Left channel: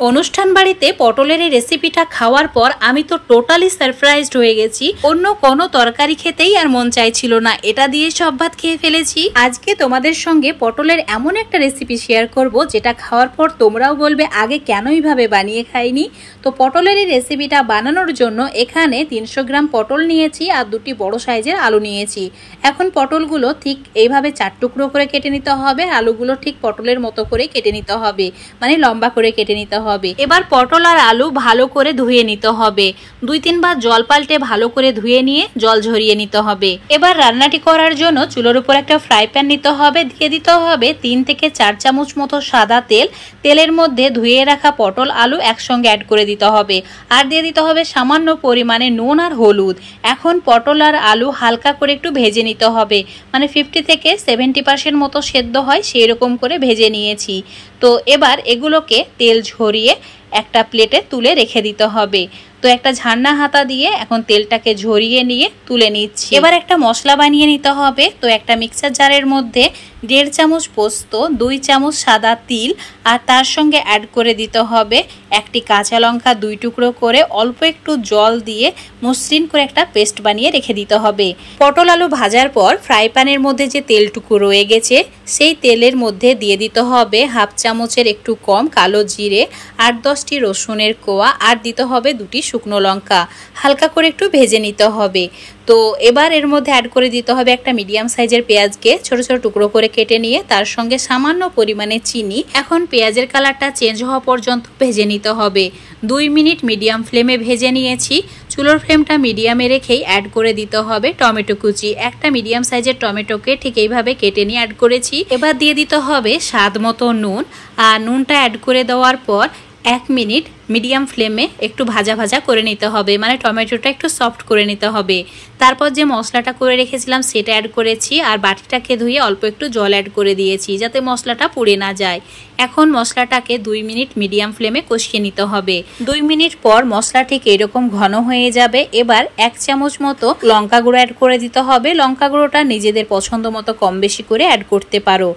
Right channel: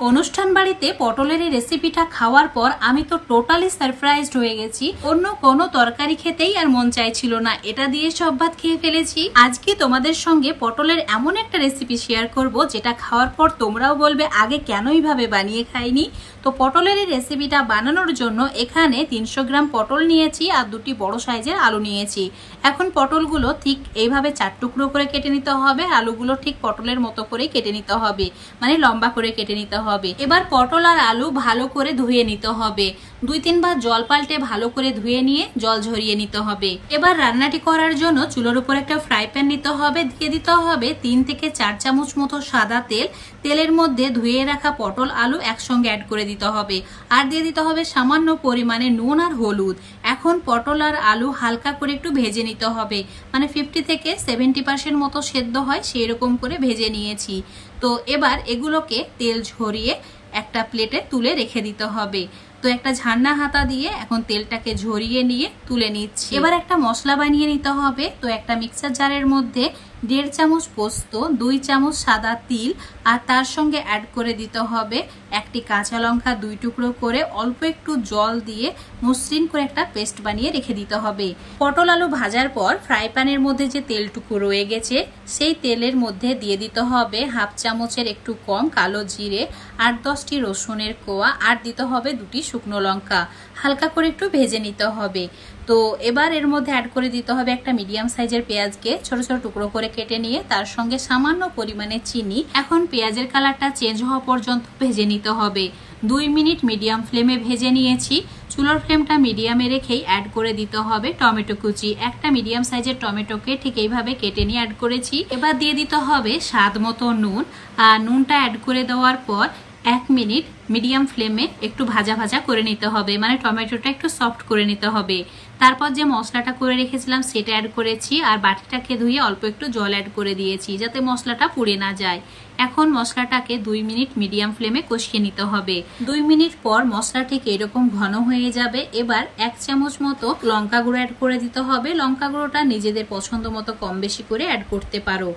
অনুষ্ঠান বাড়িতে পটলের এই রেসিপিটা খাওয়ার পর আমি তো টোটালি সারপ্রাইজড হয়ে গেছি। অন্য কোনো তরকারি খেতেই আর মন চাইছিল না, এটা দিয়ে সব ভাত খেয়ে ফেলেছি। আজকে তোমাদের সঙ্গে পটলের এমন একটা রেসিপি শেয়ার করব যেটা খাওয়ার পর তোমরাও বলবে আগে কেন এইভাবে বানিয়ে খাইনি। তো পটলের এই রেসিপিটা বানানোর জন্য এখানে 300 গ্রাম পটল নিয়েছি আর দুটি বড় সাইজের আলু নিয়েছি। এখন পটলগুলো ঠিক এইভাবে 4 টুকরো করে কেটে নিতে হবে, আলুগুলো ঠিক পটলের মতো করে কেটে নিতে হবে, মানে লম্বা করে কেটে নিতে হবে। এবার পটল আর আলু ভালো করে ধুয়ে নিতে হবে, 2-3 বার জল পাল্টে ভালো করে ধুয়ে নিয়ে জল ঝরিয়ে নিতে হবে। এবার রান্নাটি করার জন্য চুলোর উপর একটা ফ্রাই প্যান নিতে হবে, দিয়ে দিতে হবে 3 থেকে 4 চামচ মতো সাদা তেল। তেলের মধ্যে ধুয়ে রাখা পটল আলু একসঙ্গে অ্যাড করে দিতে হবে, আর দিয়ে দিতে হবে সামান্য পরিমাণে নুন আর হলুদ। এখন পটল আর আলু হালকা করে একটু ভেজে নিতে হবে, মানে 50 থেকে 70% মতো সেদ্ধ হয় সেই রকম করে ভেজে নিয়েছি। তো এবার এগুলোকে তেল ঝরিয়ে একটা প্লেটে তুলে রেখে দিতে হবে। তো একটা ঝান্না হাতা দিয়ে এখন তেলটাকে ঝরিয়ে নিয়ে তুলে নিচ্ছি। এবার একটা মশলা বানিয়ে নিতে হবে। তো একটা মিক্সার জারের মধ্যে 1.5 চামচ পোস্ত, 2 চামচ সাদা তিল, আর তার সঙ্গে অ্যাড করে দিতে হবে একটি কাঁচা লঙ্কা 2 টুকরো করে অল্প একটু জল দিয়ে মসৃণ করে একটা পেস্ট বানিয়ে রেখে দিতে হবে। পটল আলু ভাজার পর ফ্রাই প্যানের মধ্যে যে তেলটুকু রয়ে গেছে সেই তেলের মধ্যে দিয়ে দিতে হবে 1/2 চামচের একটু কম কালো জিরে, 8-10টি রসুনের কোয়া, আর দিতে হবে 2টি শুকনো লঙ্কা। হালকা করে একটু ভেজে নিতে হবে। তো এবার এর মধ্যে অ্যাড করে দিতে হবে একটা মিডিয়াম সাইজের পেঁয়াজকে ছোট ছোট টুকরো করে কেটে নিয়ে তার সঙ্গে সামান্য পরিমাণে চিনি। এখন পেঁয়াজের কালারটা চেঞ্জ হওয়া পর্যন্ত ভেজে নিতে হবে। 2 মিনিট মিডিয়াম ফ্লেমে ভেজে নিয়েছি। চুলোর ফ্লেমটা মিডিয়ামে রেখেই অ্যাড করে দিতে হবে টমেটো কুচি। একটা মিডিয়াম সাইজের টমেটোকে ঠিক এইভাবে কেটে নিয়ে অ্যাড করেছি। এবার দিয়ে দিতে হবে স্বাদ মতো নুন, আর নুনটা অ্যাড করে দেওয়ার পর 1 মিনিট মিডিয়াম ফ্লেমে একটু ভাজা ভাজা করে নিতে হবে, মানে টমেটোটা একটু সফট করে নিতে হবে। তারপর যে মশলাটা করে রেখেছিলাম সেটা অ্যাড করেছি, আর বাটিটাকে ধুয়ে অল্প একটু জল অ্যাড করে দিয়েছি যাতে মশলাটা পুড়ে না যায়। এখন মশলাটাকে 2 মিনিট মিডিয়াম ফ্লেমে কষিয়ে নিতে হবে। 2 মিনিট পর মশলা ঠিক এরকম ঘন হয়ে যাবে। এবার 1 চামচ মতো লঙ্কা গুঁড়ো অ্যাড করে দিতে হবে। লঙ্কা গুঁড়োটা নিজেদের পছন্দ মতো কম বেশি করে অ্যাড করতে পারো।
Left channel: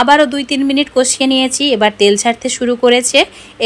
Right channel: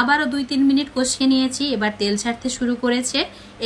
আবারও 2-3 মিনিট কষিয়ে নিয়েছি। এবার তেল ছাড়তে শুরু করেছে।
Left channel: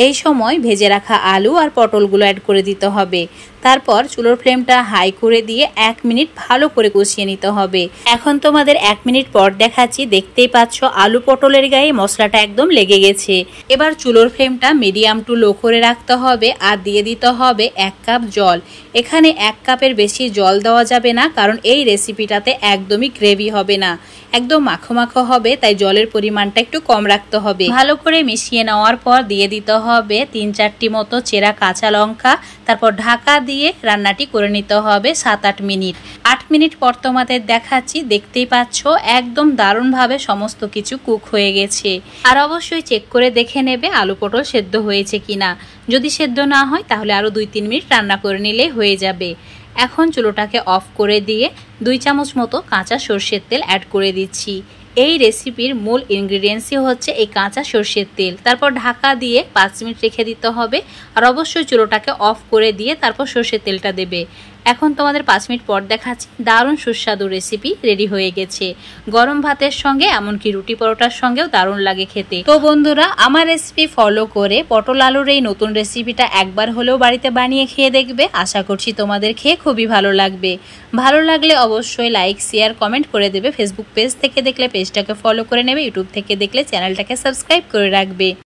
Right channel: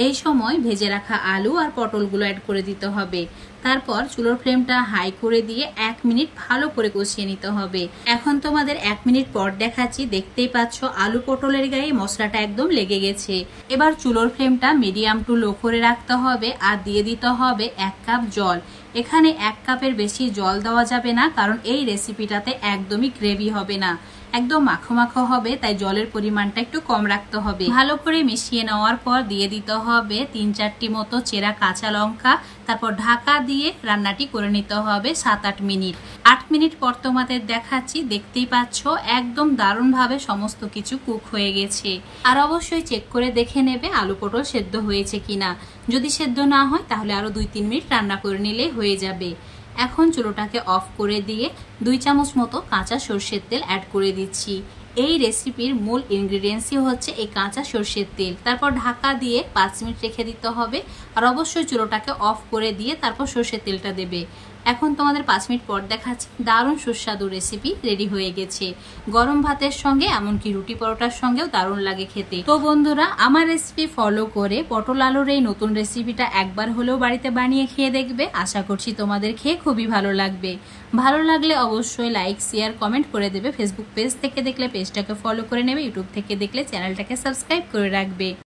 এই সময় ভেজে রাখা আলু আর পটলগুলো অ্যাড করে দিতে হবে। তারপর চুলোর ফ্লেমটা হাই করে দিয়ে 1 মিনিট ভালো করে কষিয়ে নিতে হবে। এখন তোমাদের 1 মিনিট পর দেখাচ্ছি। দেখতেই পাচ্ছ আলু পটলের গায়ে মশলাটা একদম লেগে গেছে। এবার চুলোর ফ্লেমটা মিডিয়াম টু লো করে রাখতে হবে, আর দিয়ে দিতে হবে 1 কাপ জল। এখানে 1 কাপের বেশি জল দেওয়া যাবে না, কারণ এই রেসিপিটাতে একদমই গ্রেভি হবে না, একদম মাখো মাখো হবে, তাই জলের পরিমাণটা একটু কম রাখতে হবে। ভালো করে মিশিয়ে নেওয়ার পর দিয়ে দিতে হবে 3-4টি মতো চেরা কাঁচা লঙ্কা। তারপর ঢাকা দিয়ে রান্নাটি করে নিতে হবে 7-8 মিনিট। 8 মিনিট পর তোমাদের দেখাচ্ছি। দেখতেই পাচ্ছ একদম দারুণভাবে সমস্ত কিছু কুক হয়ে গেছে। আর অবশ্যই চেক করে দেখে নেবে আলু পটল সেদ্ধ হয়েছে কিনা। যদি সেদ্ধ না হয় তাহলে আরো 2-3 মিনিট রান্না করে নিলেই হয়ে যাবে। এখন চুলোটাকে অফ করে দিয়ে 2 চামচ মতো কাঁচা সর্ষের তেল অ্যাড করে দিচ্ছি। এই রেসিপির মূল ইনগ্রিডিয়েন্টসই হচ্ছে এই কাঁচা সর্ষের তেল। তারপর ঢাকা দিয়ে 5 মিনিট রেখে দিতে হবে, আর অবশ্যই চুলোটাকে অফ করে দিয়ে তারপর সর্ষের তেলটা দেবে। এখন তোমাদের 5 মিনিট পর দেখাচ্ছি। দারুণ সুস্বাদু রেসিপি রেডি হয়ে গেছে। গরম ভাতের সঙ্গে, এমনকি রুটি পরোটার সঙ্গেও দারুণ লাগে খেতে। তো বন্ধুরা, আমার রেসিপি ফলো করে পটল আলুর এই নতুন রেসিপিটা একবার হলেও বাড়িতে বানিয়ে খেয়ে দেখবে। আশা করছি তোমাদের খেয়ে খুবই ভালো লাগবে। ভালো লাগলে অবশ্যই লাইক, শেয়ার, কমেন্ট করে দেবে। ফেসবুক পেজ থেকে দেখলে পেজটাকে ফলো করে নেবে, ইউটিউব থেকে দেখলে চ্যানেলটাকে সাবস্ক্রাইব করে রাখবে।